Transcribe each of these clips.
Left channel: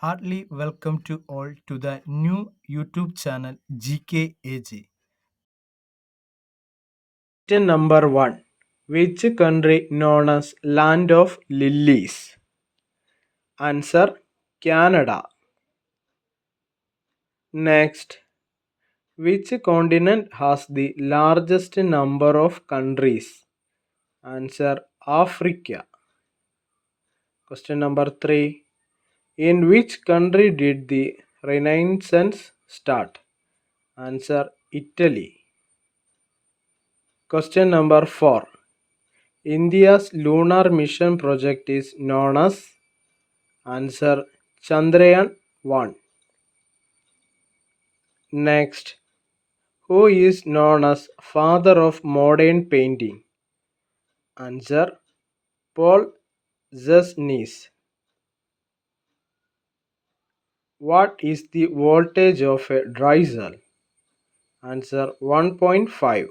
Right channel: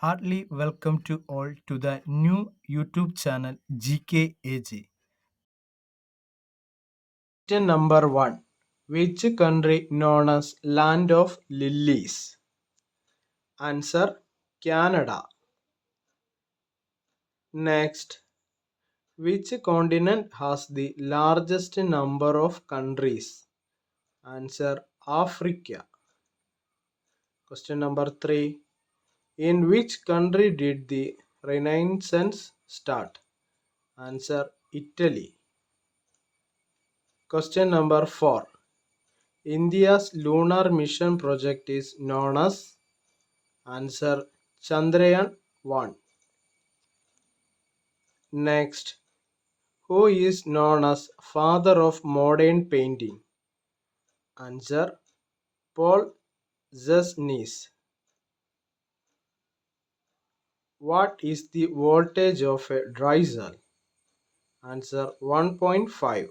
Heartily welcome to all to the new YouTube channel GKAG. Question number 1. Which country known as Land of Lilies? Answer Canada. Next, which continent has the largest number of countries? Answer Africa. Question number 3. In which country did the Renaissance start? Answer Italy. Question number 4. India's lunar mission project is known as answer Chandrayaan 1. Next, who is known as father of modern painting? Answer Paul Zasnis. What is the voltage of a dry cell? Answer 1.5.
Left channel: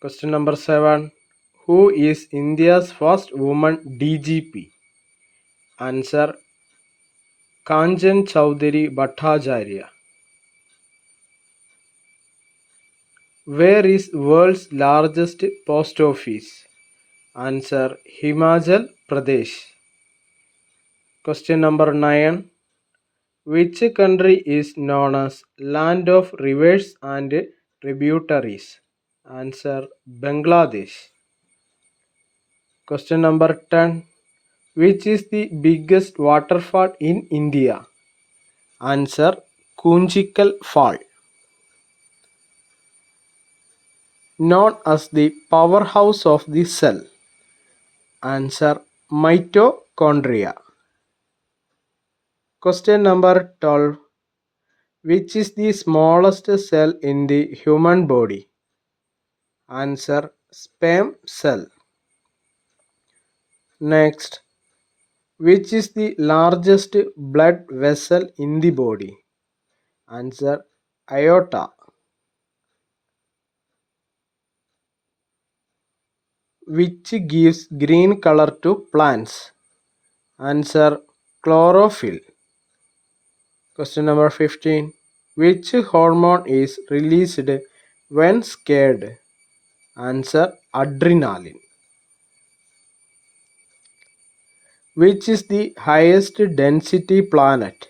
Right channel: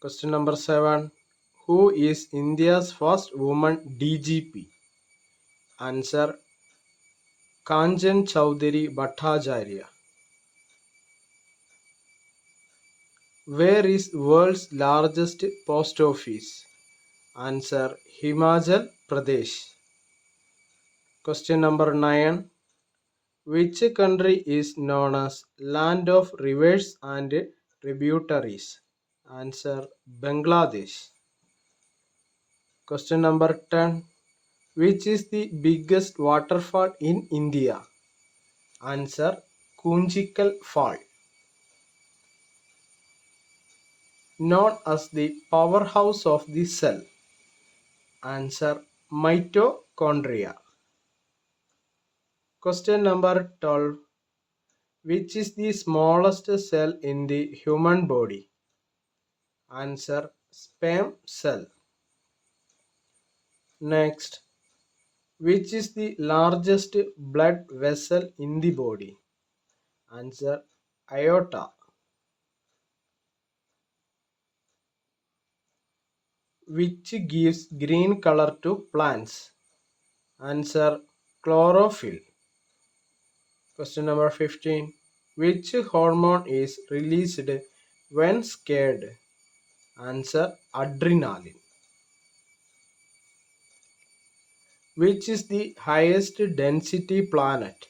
Question number 7. Who is India's first woman DGP? Answer Kanchan Chowdhury Bhattacharya. Where is world's largest post office? Answer Himachal Pradesh. Question number 9. Which country is known as land of rivers and tributaries? Answer Bangladesh. Question number 10. Which is the biggest waterfall in India? Answer Kunchikal Fall. Known as the powerhouse of the cell. Answer mitochondria. Question number 12. Which is the smallest cell in the human body? Answer sperm cell. Next, which is the largest blood vessel in the body? Answer aorta. Which gives green color to plants? Answer chlorophyll. Question number 15. Which hormone is released when scared? Answer adrenaline. Which is the highest density planet?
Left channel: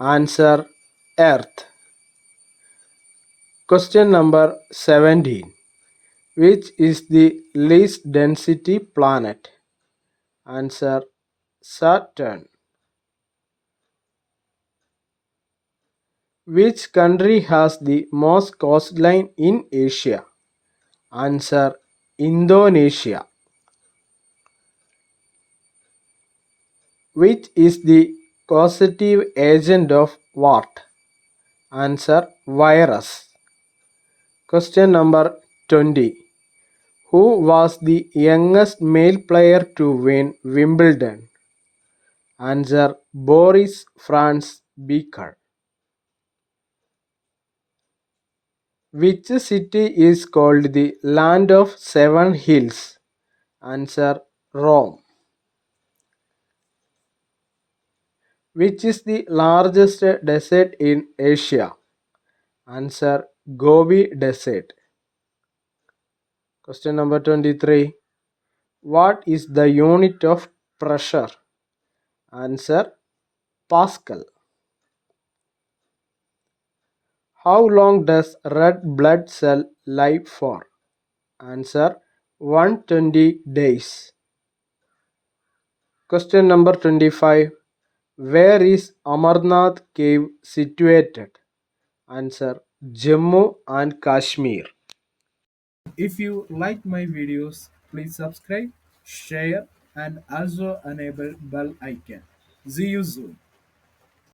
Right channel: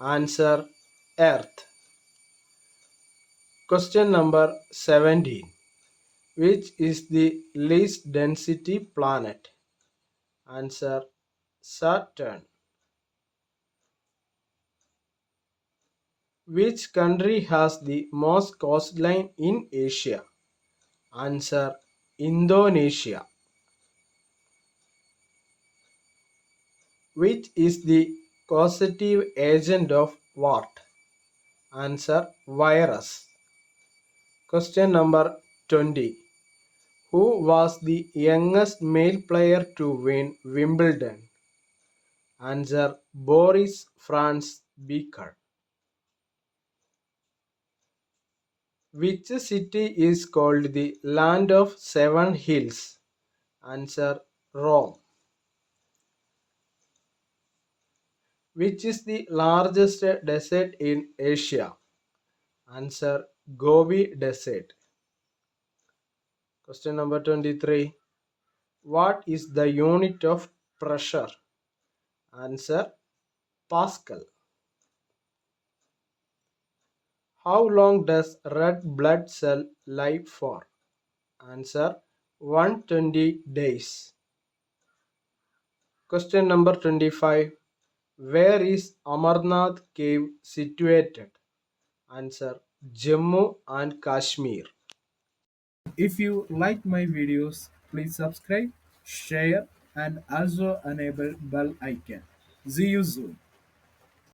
Answer Earth. Question number 17. Which is the least density planet? Answer Saturn. Which country has the most coastline in Asia? Answer Indonesia. Which is the causative agent of what? Answer virus. Question number 20. Who was the youngest male player to win Wimbledon? Answer Boris Franz Becker. Which city is called the land of seven hills? Answer Rome. Which is the largest desert in Asia? Answer Gobi Desert. Question number 23. What is the unit of pressure? Answer Pascal. How long does red blood cell live for? Answer 120 days. Question number 25. Where is Amarnath cave situated? Answer Jammu and Kashmir. If you like my videos, please subscribe, share and also enable bell icon. See you soon.